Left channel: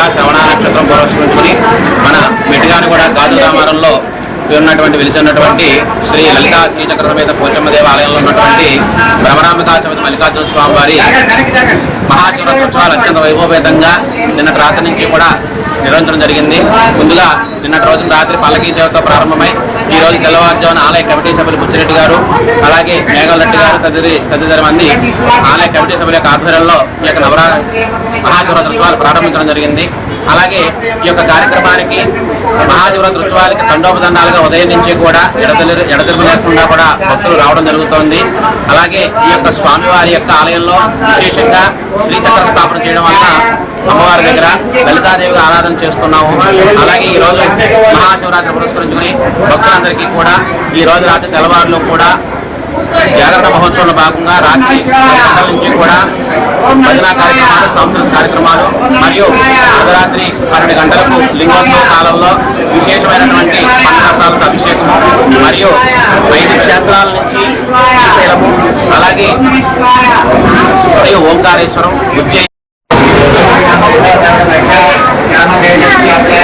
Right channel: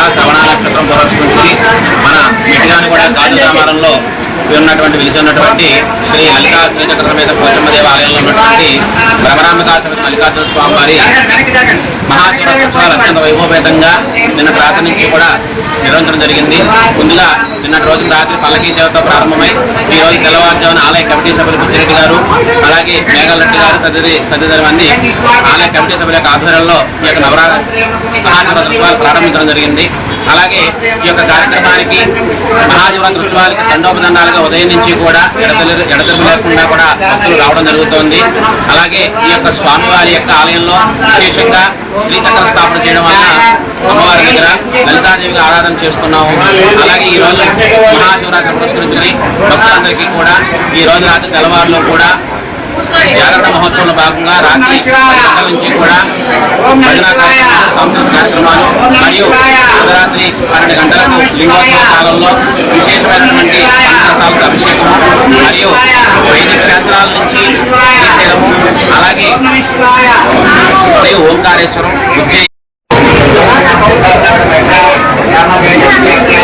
సందర్భంగా శ్రవణ నక్షత్రం పురస్కరించుకుని మన మిటిగాని కూడా గాజు రామారంలో ఉన్నటువంటి వెలిచున్నటువంటి శ్రీ లలితా శ్రీచక్ర మీద పోషమ్మ దేవాలయంలో ఉన్నటువంటి భ్రమరాంబికా సమేత మల్లికార్జున స్వామి వారి మహాశివరాత్రోత్సవాలు అత్యంత వైభవేతంగా నిన్న రాత్రి నుంచి కూడా నిర్వహించడం జరిగింది. ముందుగా నిన్నటి రోజు రాత్రి పల్లకీ సేవతో ప్రారంభమై ఈ రోజు తెల్లవారుజామున ఆలయ కమిటీ సభ్యులు బుచ్చిరెడ్డి గారు అలాగే మేఘాలరెడ్డి గారు తదితరి తదితర మంది ఆలయ కమిటీ సభ్యుల యొక్క ఆధ్వర్యంలో ఈ యొక్క నవరా మహాశివరాత్రి ఉత్సవాలు ప్రారంభించడం జరిగింది. అలాగే ఈ యొక్క కార్యక్రమానికి మహాశివరాత్రి ఉత్సవాలకి దండోపదండాలుగా ఉదయం నుంచి కూడా ఎడతెలు ఎడతెరుపు లేకుండా కూడా భక్తులు రావడం జరుగుతోంది. అలాగే ఈ యొక్క స్వామివారి యొక్క ఆలయంలో విశేషంగా శ్రీచక్ర స్థాపన చేయడం వలన అమ్మవారి దగ్గర లలితాదేవిగా ఆరాధన చేస్తున్నాము. అలాగే ఈ రోజు మహాశివరాత్రి పురస్కరించుకుని భక్తులందరికీ కూడా ఈ రోజు రాత్రి తెల్లవారులో కూడా జాగరణ మహోత్సవంలో భాగంగా రాత్రి గంటల నుంచి కూడా భజన కార్యక్రమాలు సాంస్కృతిక కార్యక్రమాలు మరియు అర్ధరాత్రి పన్నెండు గంటలకు లింగోత్సవ కాలంలో విశేషమైనటువంటి పంచాసాలకు అభిషేకం మరియు వైద్య క్షేత్రాల నుంచి శ్రీశైలము అలాగే ఓంకారేశ్వరం ఉజ్జయి ఓం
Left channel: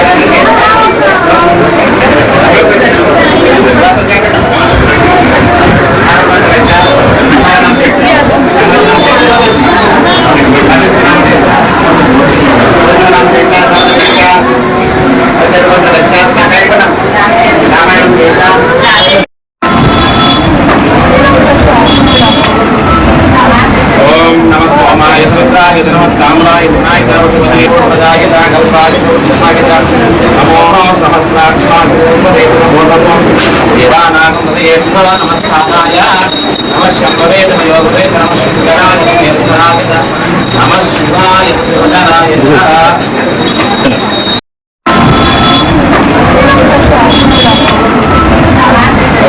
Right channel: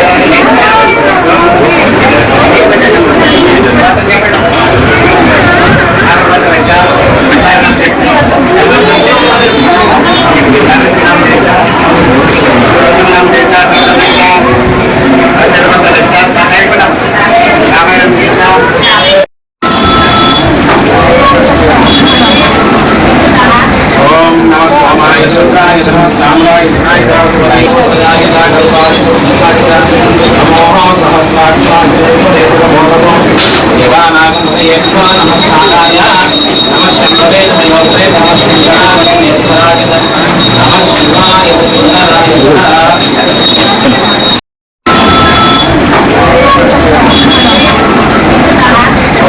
దేవానాగమయేత్వ నమస్కారాయ నమః శంభవే నమః యోగవే నమః శంకరాయ నమః శివాయ శివరాయ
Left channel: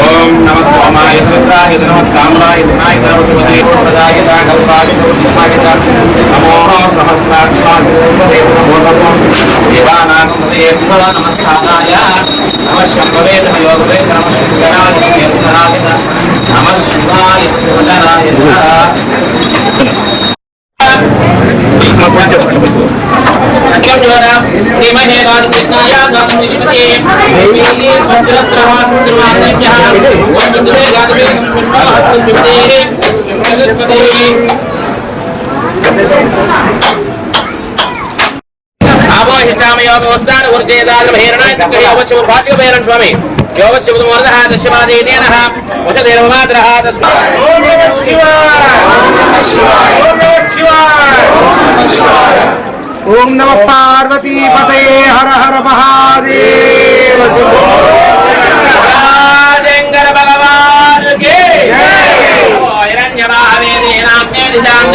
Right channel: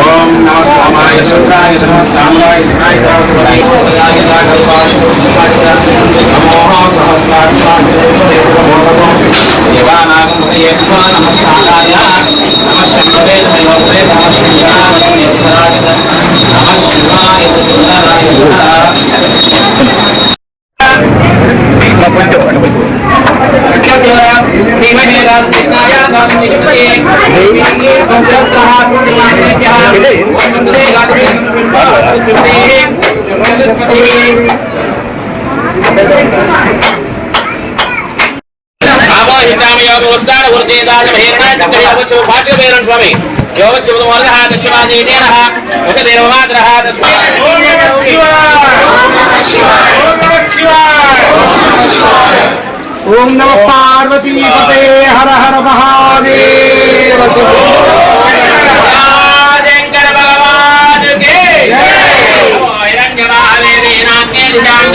ఓం నమః ఓమాయ సూత్రాయ నమః కామలాయ వినాయకాయ వినాయ ప్రదాయ నాగల్పాయ నమోహ సహస్రాక్షాయ దేవానాగమయేత్వ నమస్కారాయ నమః శంభవే నమః యోగవే నమః శంకరాయ నమః శివాయ శివరాయ స్వామి యోగశివమూర్ధ దశమాదేన వసదేవమాద్ర ఓం నమ పార్వతీ పతే హర హర మహాదేవ శంభో. శంకర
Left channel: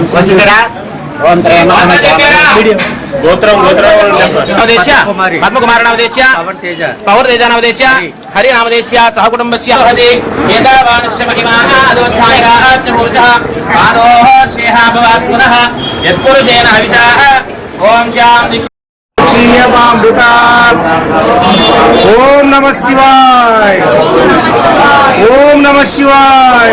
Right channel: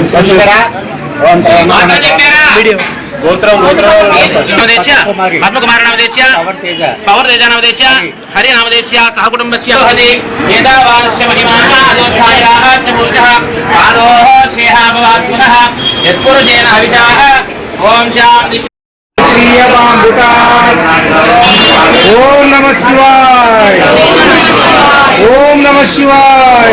ఇత్యక్ష గోత్రం పద్మకుమార నామదేశ్య పవర్ తేజ నామదేశ్య హరి నామదేశ్య సహ కుటుంబస్య హరి ఏదావానస్య మహిమా అదోధ్యాయ రాజ్యమూర్ధ ఆరోహ శ్రేహ భవాత్ పునః యత్పురుషేణ హవిషాః ఓం శాంతి శ్రీయమామృత ఓం నమ శివాయ ఓం నమ శివాయ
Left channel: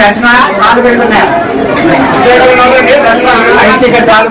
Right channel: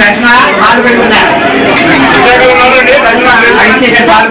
దర్శన ఆరు పెట్టుకున్నా ఆయన ఇచ్చేసాడు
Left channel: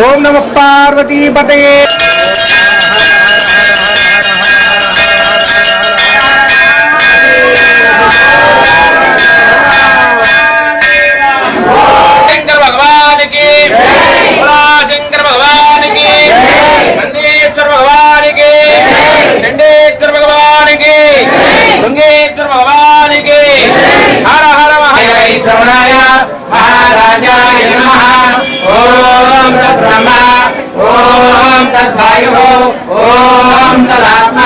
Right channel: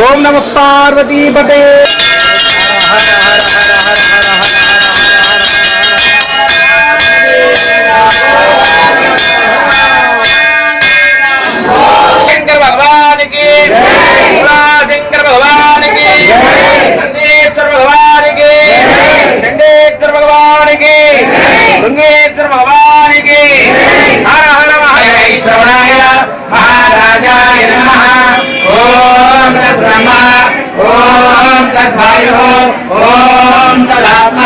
ఓం నమ పార్వతీపతే తదాత్మ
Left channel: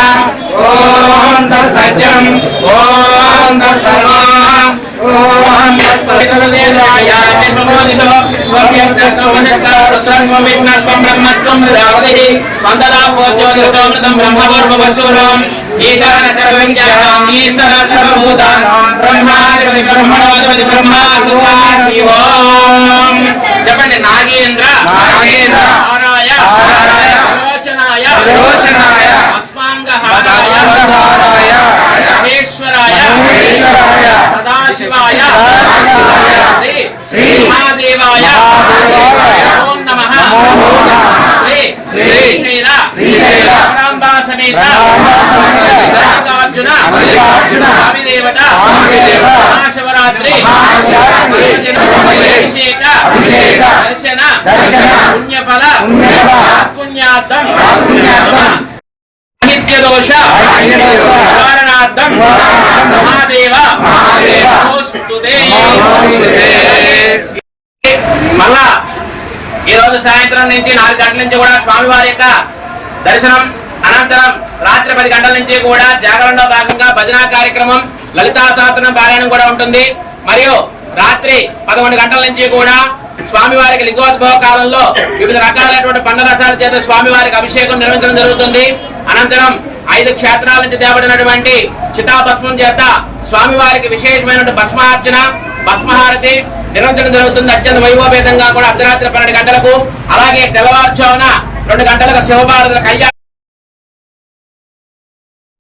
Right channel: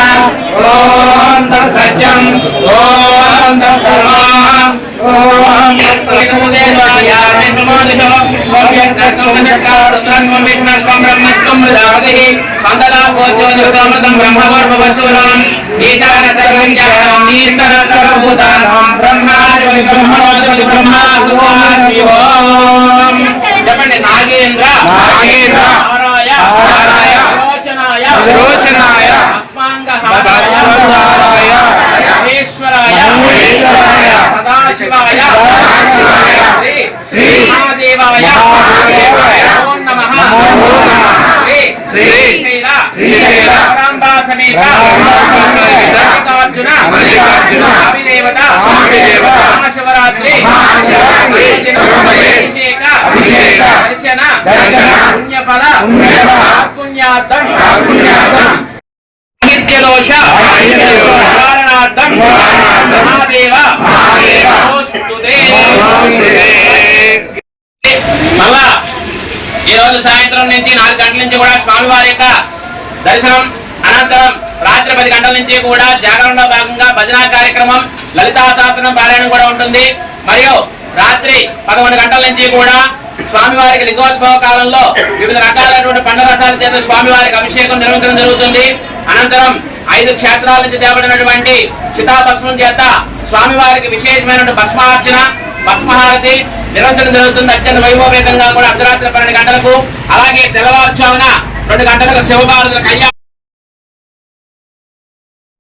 ఓం తత్సత్యం ఓం తత్సర్వ ఓం తత్ప్రదేవాయ విష్ణుమోదితో రుద్రం విష్ణస్వం బ్రహ్మత్వం మృదావతి వందలా పోజ్యోతిర్గోమృతం బ్రహ్మవర్మవత్సూరం ఈశాన సర్వం జాతం ఈశ్వర సర్వభూతానాం బ్రహ్మాధిపతి బ్రహ్మణోధిపతి బ్రహ్మా ఓం చెప్పండి నాగేంద్ర నాగేంద్ర, నారాయ నారాయ, విరోచనాయ. అస్మాంగహారాయ. మహేశ్వరాయ. మహేశ్వరాయ, సదాశివాయ. సదాశివాయ, శ్రీ మహాదేవాయ. మహాదేవాయ, ఓం నమః. నమో నమః, శ్రీ శ్రీ శ్రీశైల. శ్రీశైల, పరాంబా సమేత పరాంబా సమేత, మల్లికార్జున. మల్లికార్జున, స్వామి దేవత స్వామి దేవత, మహాశివరాత్రి బ్రహ్మవై, అభిషేక, దర్శన. పుణ్యఫల. పుణ్యార్థం నిత్యదోష నివారణార్థం మహాదేవ. మళ్ళా ఈ రోజు సాయంత్రం నుంచి నాలుగు గంటల నుంచి కూడా స్వామివారి యొక్క దర్శనం అనంతరం రాత్రి పది గంటల నుంచి కూడా జాగరణలో భాగంగా భజన కార్యక్రమం లలితా శాస్త్రం పారాయణం కూడా ఉంటుంది. మరియు రాత్రి పదకొండు గంటల నుంచి కూడా స్వామివారికి లింగోద్భవ కాలంలో వివిధ రకాలైనటువంటి పండ్ల రసాల చేత స్వామివారికి అభిషేకం నిర్వహించడం జరుగుతుంది. అనంతరం ఐదు క్షేత్రాల నుంచి తేబడినటువంటి చితాభస్మం చేత స్వామివారికి విశేషమైనటువంటి భస్మార్చన భస్మహారతి నిర్వహించడం జరుగుతుంది. అత్యంత వైభవపేతంగా కూడా అర్ధరాత్రి పన్నెండు గంటలకు. అలాగే తెల్లవారుజామున రెండు గంటలకు శివభారతుల కళ్యాణం